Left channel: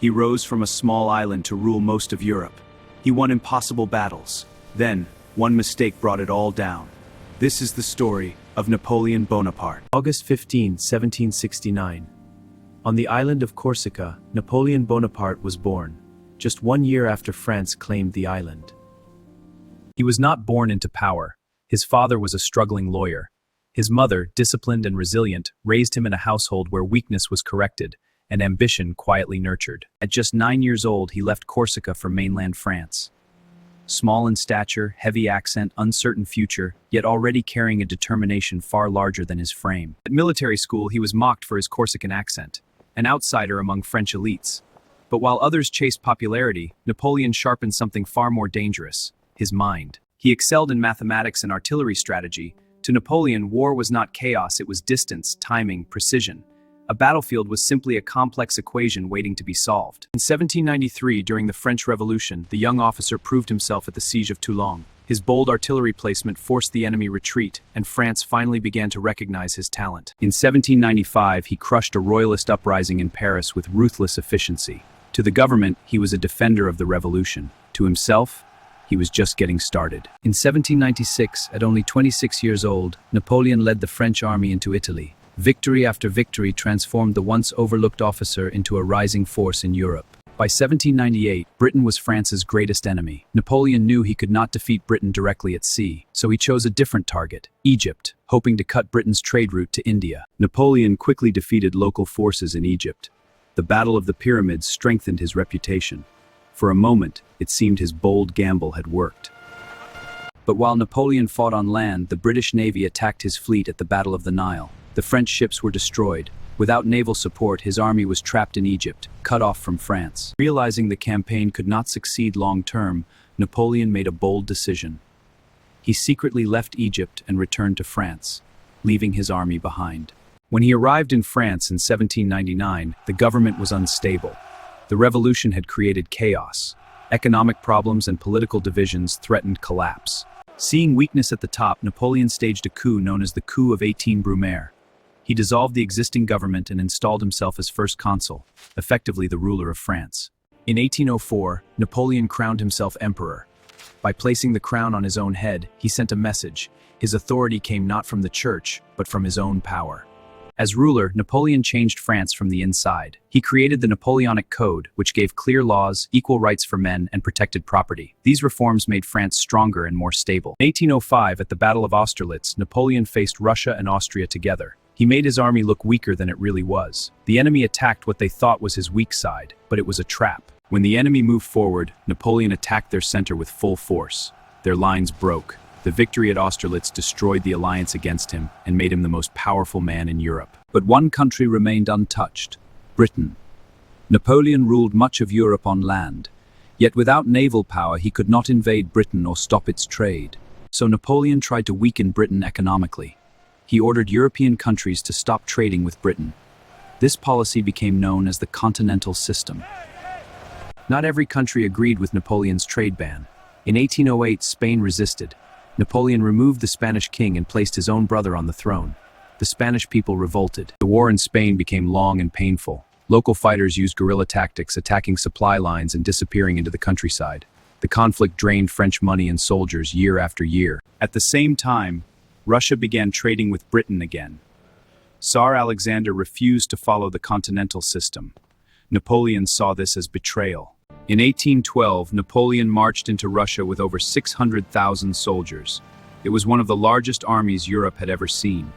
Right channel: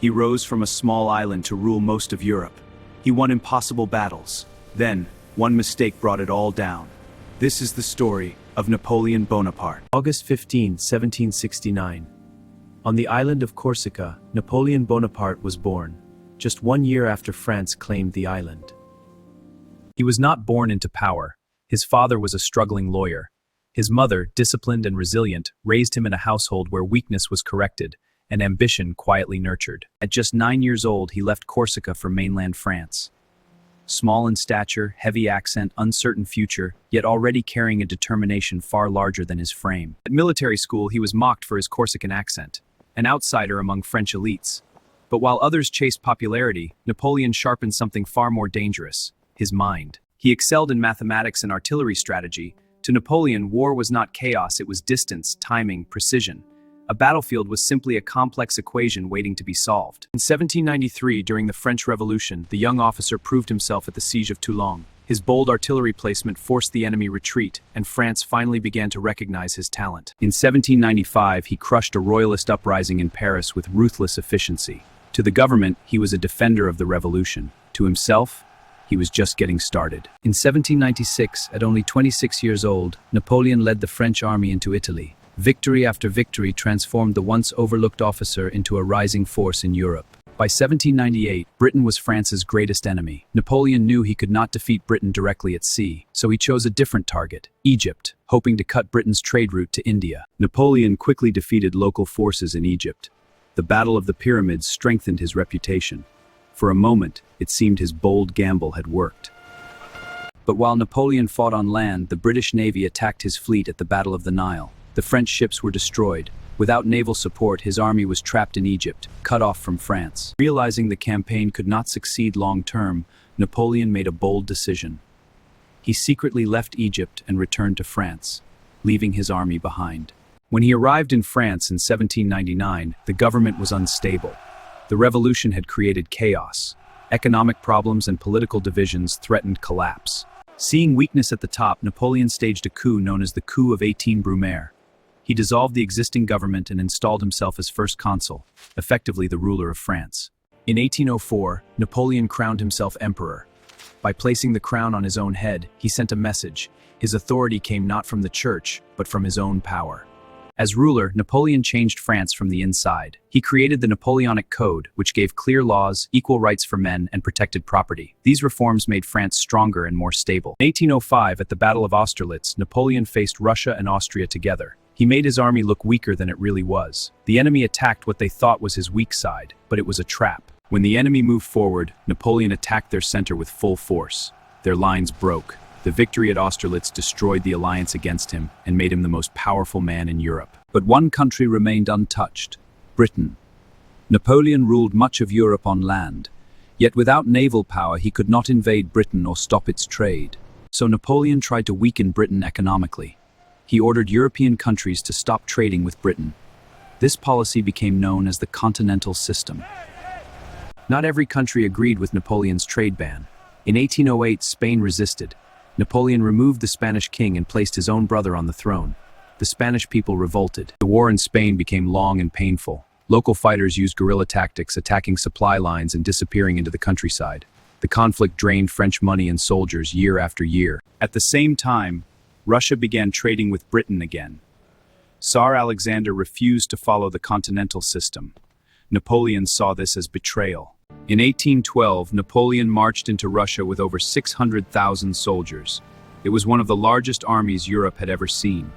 He rose from a small island to rule most of Europe. He won impossible battles. Then, one mistake brought it all down. This is the story of Napoleon Bonaparte. August 15, 1769. On the island of Corsica, Napoleon Bonaparte was born, just 1 year after France claimed the island. He was not born into power. His father was a struggling lawyer. His mother, disciplined and resilient, raised him in a household where weakness was corrected and ambition quietly nurtured. At just 9 years old, he left Corsica for mainland France. Small in stature, heavy accent, uncertain future, yet already carrying a determination far larger than his frame. At military school, he was mocked for his Corsican accent, an outsider among French elites. But while others chased popularity, Napoleon sharpened something far more dangerous: his mind. He excelled in mathematics and artillery strategy. To Napoleon, war was not chaos, it was distance, timing, precision. A battlefield was simply a complex equation waiting to be solved. In 1793, during the French Revolution, the young officer proved himself at the siege of Toulon. His bold artillery placement forced the enemy retreat, and France finally began to recognize his talent. In 1795, he crushed a royalist uprising in Paris with ruthless efficiency. To the government, he was a defender of the revolution. To himself, he was just getting started. In 1796, at only 26 years old, Napoleon led the French army into Italy. Victory after victory transformed the once overlooked officer into a rising force in Europe. By 1798, Britain was France's greatest enemy. Napoleon knew he could not defeat Britain directly at sea, so he chose a different target, Egypt, hoping to cut Britain's trade route to India. Napoleon quickly defeated local forces in Egypt. The Battle of the Pyramids strengthened his reputation. For a moment, it seemed his bold gamble had worked. But while Napoleon fought on land, the British Navy attacked his fleet at the Battle of the Nile. The French ships were destroyed. Without naval support, his army was trapped in Egypt, cut off from France. Realizing the campaign could not succeed long-term, Napoleon made a bold decision. He secretly left Egypt and returned to France, leaving his army behind. When he arrived in France in 1799, the government was unstable. The revolution had created chaos. Economic problems and political divisions threatened collapse. Seeing weakness at the top, Napoleon staged a coup known as the Coup of 18 Brumaire. He dissolved the existing government and installed himself as first consul, effectively the ruler of France. In 1804, Napoleon crowned himself emperor. By placing the crown on his own head, he sent a message. His authority came not from the church, but from his own power. As ruler, Napoleon changed France from the inside. He created the Napoleonic Code, which gave clear laws, equal rights for men, and protected property. These reforms made France stronger and more stable. In 1805, at the Battle of Austerlitz, Napoleon faced Russia and Austria together. He made his army look weaker than it really was. The enemy attacked what they thought was his weak side, but it was a trap. When the enemy moved forward, Napoleon attacked their center with full force. Their lines broke. The victory at Austerlitz destroyed the alliance against him and made him the most powerful man in Europe. But one country remained untouched: Britain. Napoleon ruled much of Europe on land, yet without naval power he could not invade Britain or stop its trade. So Napoleon tried to weaken Britain economically. He ordered European countries to stop trading with Britain. This policy became known as the Continental System. Not every country agreed with Napoleon's trade ban. In 1808, Spain resisted. Napoleon removed the Spanish king and placed his own brother on the throne. The Spanish people revolted. The war in Spain became long and painful. Local fighters used guerrilla tactics, attacking supply lines and disappearing into the countryside. The conflict drained French money and soldiers year after year. At the same time, Russia began trading with Britain again. Tsar Alexander refused to follow the Continental System. Napoleon saw this as betrayal. In 1812, Napoleon marched into Russia with over 600,000 soldiers. It was one of the largest armies Europe had ever seen.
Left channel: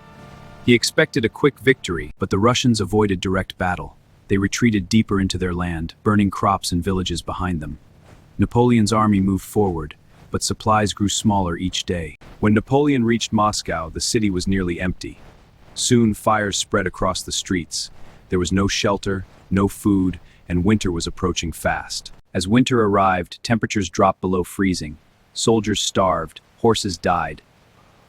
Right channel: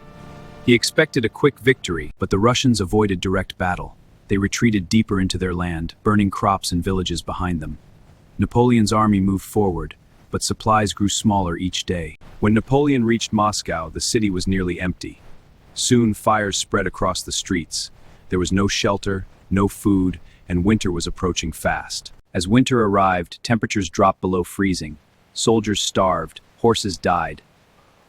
He expected a quick victory, but the Russians avoided direct battle. They retreated deeper into their land, burning crops and villages behind them. Napoleon's army moved forward, but supplies grew smaller each day. When Napoleon reached Moscow, the city was nearly empty. Soon fires spread across the streets. There was no shelter, no food, and winter was approaching fast. As winter arrived, temperatures dropped below freezing. Soldiers starved, horses died.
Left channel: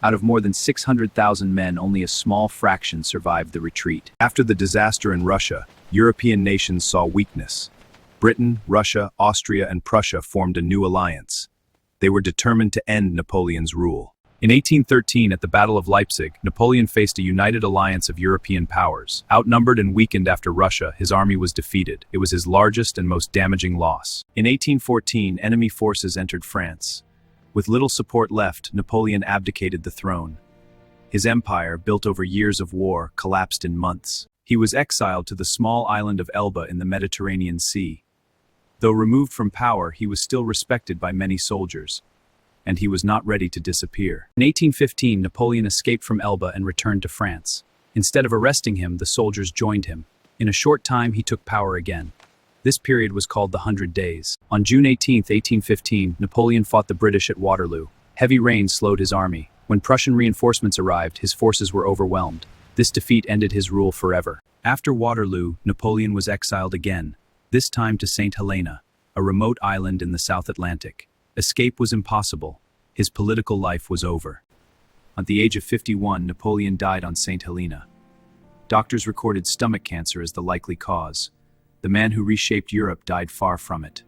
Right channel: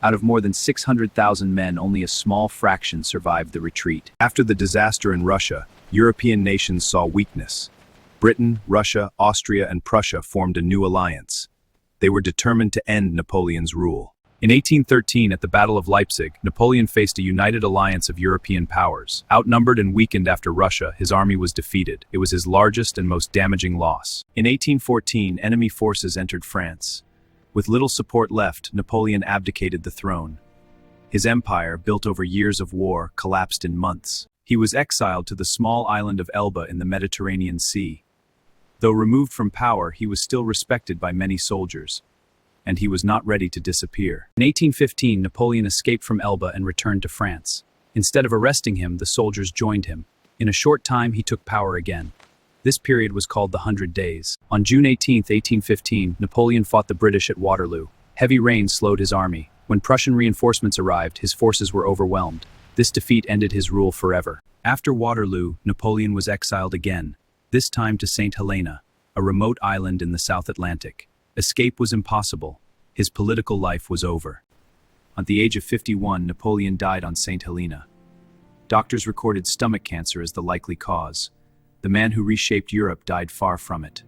Out of more than 600,000 men, only a small fraction survived the retreat. After the disaster in Russia, European nations saw weakness. Britain, Russia, Austria, and Prussia formed a new alliance. They were determined to end Napoleon's rule. In 1813, at the Battle of Leipzig, Napoleon faced a united alliance of European powers. Outnumbered and weakened after Russia, his army was defeated. It was his largest and most damaging loss. In 1814, enemy forces entered France. With little support left, Napoleon abdicated the throne. His empire, built over years of war, collapsed in months. He was exiled to the small island of Elba in the Mediterranean Sea. Though removed from power, he was still respected by many soldiers, and he was not ready to disappear. In 1815, Napoleon escaped from Elba and returned to France. Instead of arresting him, the soldiers joined him. In a short time, he took power again. This period was called the 100 Days. On June 18, 1815, Napoleon fought the British at Waterloo. Heavy rain slowed his army. When Prussian reinforcements arrived, his forces were overwhelmed. This defeat ended his rule forever. After Waterloo, Napoleon was exiled again, this time to Saint Helena, a remote island in the South Atlantic. Escape was impossible. His political life was over. At the age of 51, Napoleon died on Saint Helena. Doctors recorded stomach cancer as the likely cause. The man who reshaped Europe died far from it.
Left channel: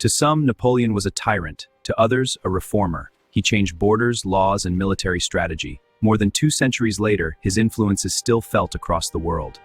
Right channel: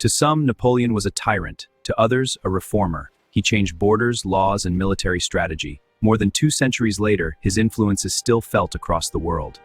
To some, Napoleon was a tyrant. To others, a reformer. He changed borders, laws, and military strategy. More than 2 centuries later, his influence is still felt across the world.